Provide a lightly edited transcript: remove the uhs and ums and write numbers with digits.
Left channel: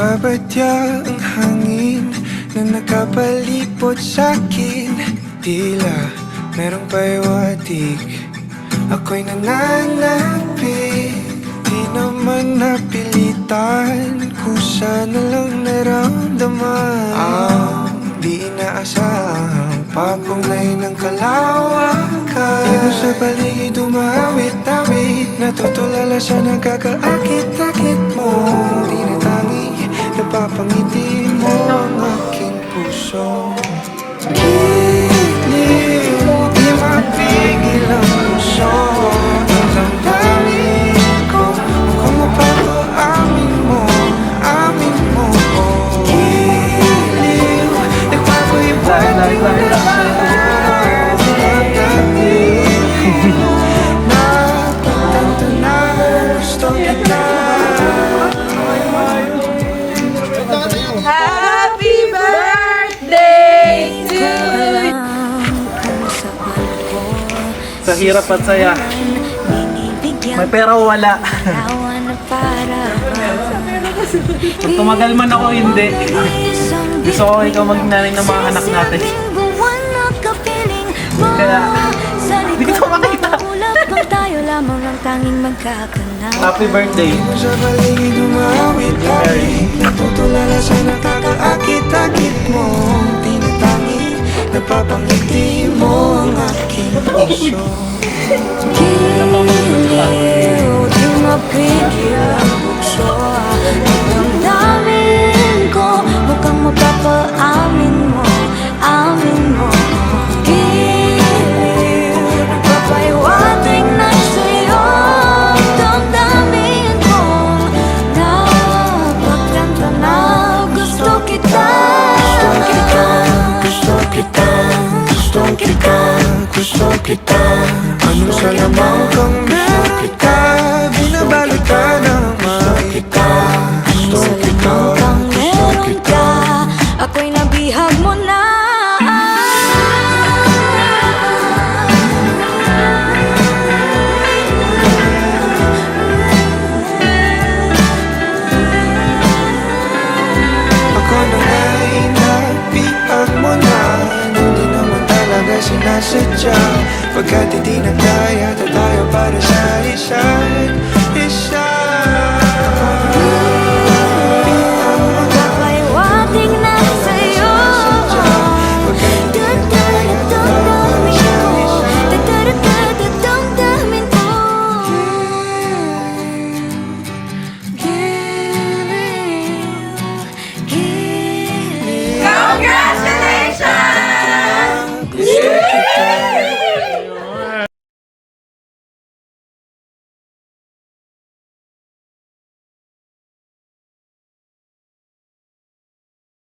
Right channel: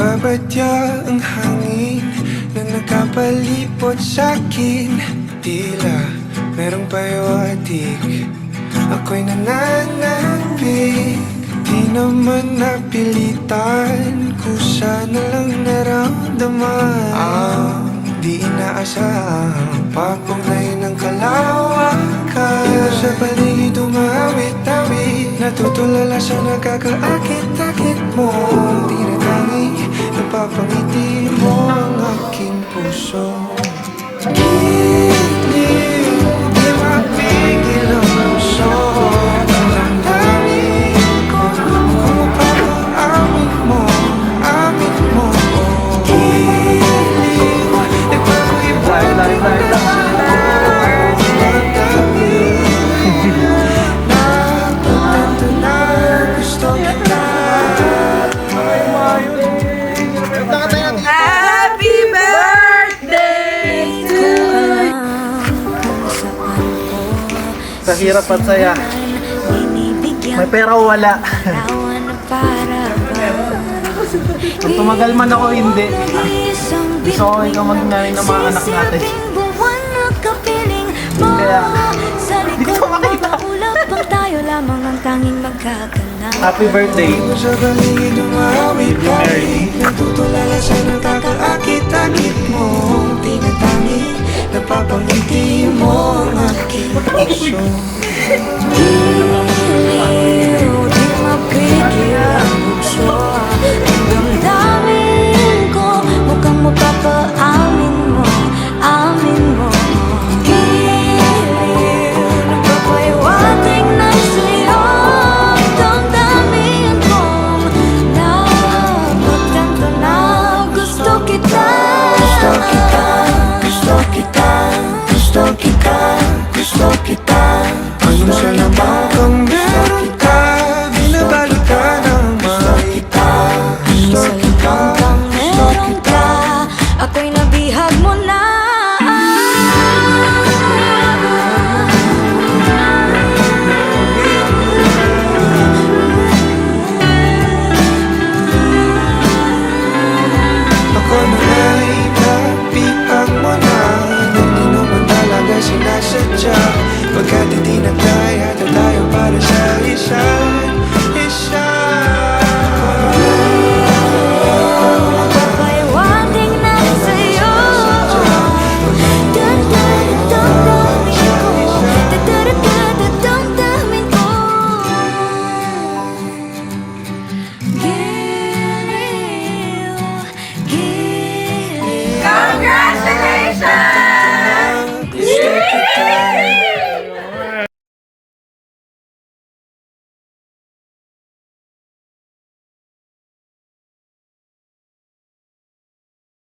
Nagbabadya ang hangin na nakapalipot sa'kin. Tila merong pahiwatig, ako'y nananapig. Di naman napilitan, kusa na lang naramdaman ang di inaasahang papunglay ng kalawakan. Di ko sa paligid umawit-awit, natutulala sa nakakaakit-akit mo. Tinatangi, napapangiti mo ang aking puso. Giliw, di mapigil ang puso. Ang damdamin ko, mukhang mapapaamin mo, amin mo. Giliw, nagpapaibang tingnan sa damdamin ko. Napagtanto na gusto kita. Happy birthday to you. Sa hirap at saya. May pera o wala. Kung tumagal man ako, hindi. Gusto ko ikaw mag-nanay ng mga anak natin. Kaya, hindi ko makita. Happy birthday. Di mo sa paligid umawit-awit, natutulala sa nakakaakit-akit mong tinatangi, napapangiti mo ang aking puso. Giliw, di mapigil ang bukso. Ang damdamin ko, mukhang mapapaamin mo, amin mo. Giliw, nagpapahiwatig na sa'yo. Damdamin kong napagtanto na gusto kita. Gusto kita, gusto kita, gusto kita, gusto kita. Anong salamang kang meron ka, binabalot ka ng maita. Anong salamang kang meron ka, ako'y nabihag mo na. Ako na nga'y napihag mo na, nang di naman talaga sinasadya. Pagkat itinagdaya tayo para sa isa't isa.